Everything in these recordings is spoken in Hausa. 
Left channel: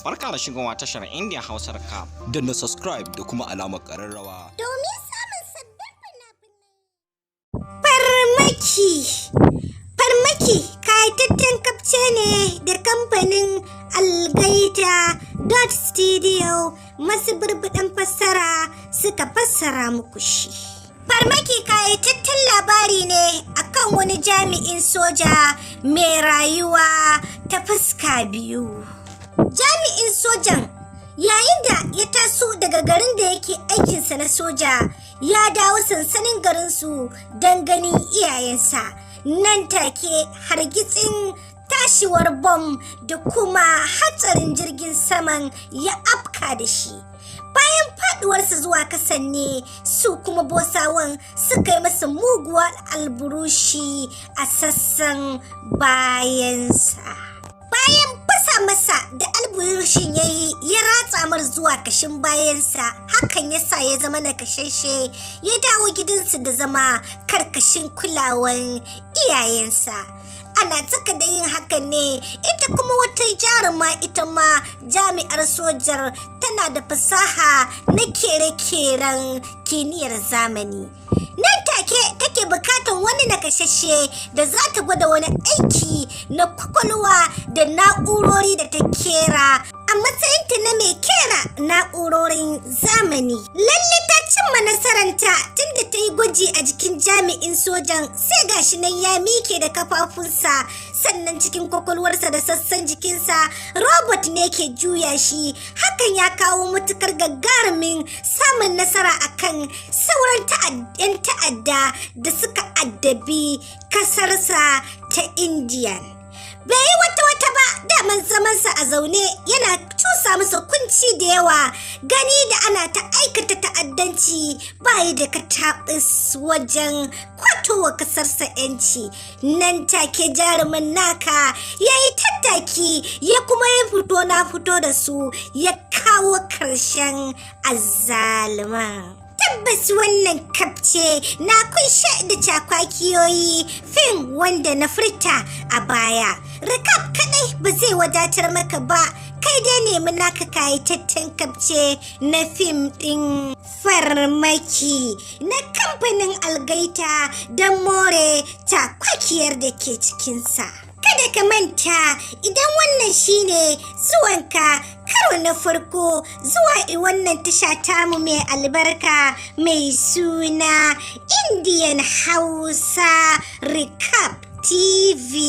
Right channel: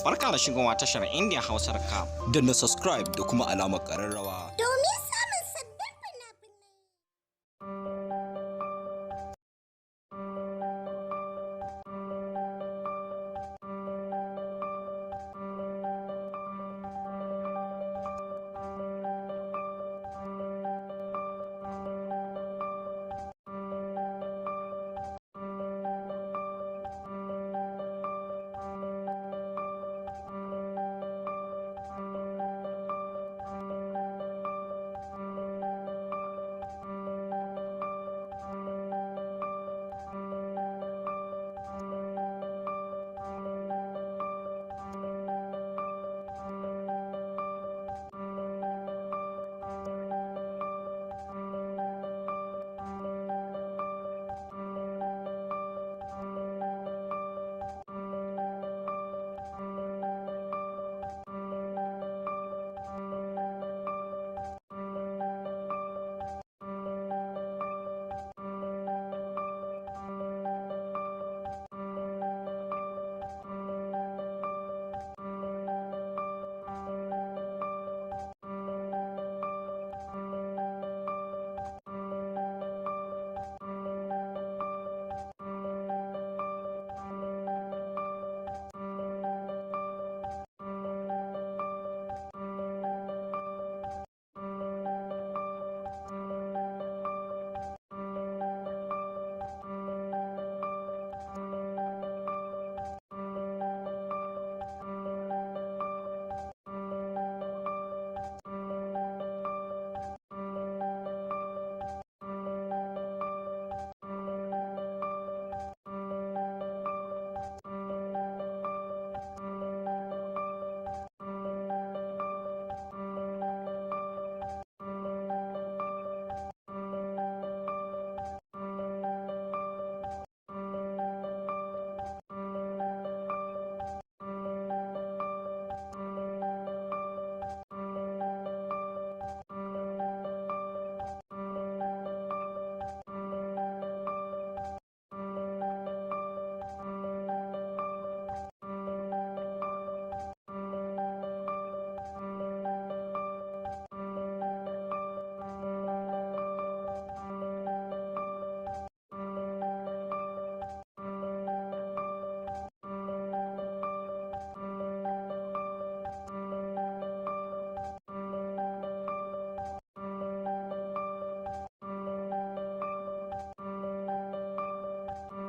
Barka da shigowa tashar India Hausar Cap. Danna subscribe da kuma alamar ƙararrawa. Domin samun sabbin fina-finai. Farmaki kayataccen kafce ne da kamfanin Algaita Studio masu burbuɗan fassara suka fassara muku shi. Farmaki kayataccen labari ne akan wani jami'in soja mai rayuwa ta fuska biyu. Jami'in sojan yayin da ya taso daga garin da yake aikinsa na soja ya dawo sansanin garinsu don ganin iyayensa. Nan take hargitsin tashiwar bom da kuma hatsarin jirgin saman ya afka da shi. Bayan faduwarsa zuwa kasan ne su kuma bosawan suka yi masa muguwar alburushi a sassan bayansa. Bayan fasa masa da alburushin ya yi ya ratsa mar zuwa kashin bayansa, hakan ya sa ya zama nakashashe ya dawo gidansu da zama karkashin kulawan iyayensa. Ana tsaka da yin hakan ne ita kuma wata jaruma ita ma jami'ar sojar tana da fasaha na kere-keren kimiyyar zamani. Nan take bukatan wani nakashashe da za ta gwada wani aiki na kwakwalwa da na'urori da ta kera a matsayinta na mai kera na'urorin zamani. Lalle ta cimma nasaranta tunda ta yi gwaji a jikin jami'in sojan sai gashi nan ya mike da kafafunsa, sannan cikin kwakwalwarsa da sassan jikinsa robot ne ke juya shi. Hakan ya kawo matukar gagarumin samun nasara akan sauran 'yan ta'adda da suka addabi kasarsa ta Indiya. Bai yi wata ba, daman zamansa a zaune yana cusa masa kunci da yawa, gani da ana ta aikata ta'addanci bayi da katabis wajen kwatowa kasarsa 'yanci. Nan take jarumin naka ya yi tattaki ya kuma ya fito na fito da su ya kawo ƙarshen azzaluma. Tabbas wannan kafce na kunshe da cakwakiyoyi fim wanda na furta a baya. Recap kadai ba zai wadatar maka ba, kai dai nemi naka kayataccen kafce na fim din Farmaki na kamfanin Algaita don more cakwakiyar da ke cikinsa. Kada ka manta, idan wannan shine zuwanka karo na farko zuwa wannan tasha tamu mai albarka mai suna Indian Hausa Recap TV.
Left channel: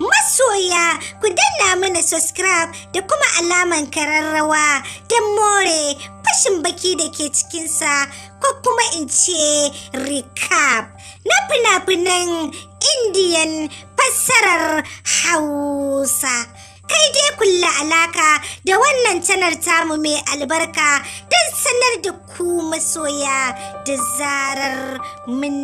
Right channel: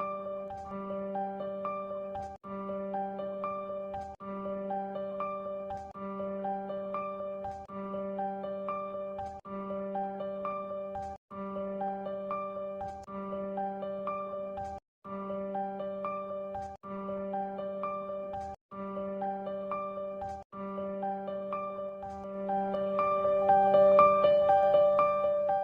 Masoya, ku danna mana subscribe da kuma alaman kararrawa don more fashin baki da ke cikinsa, ko kuma in ce recap na fina-finan Indian fassarar Hausa. Kai dai kulla alaka da wannan channel tamu mai albarka don sanar da ku masoya da zarar mun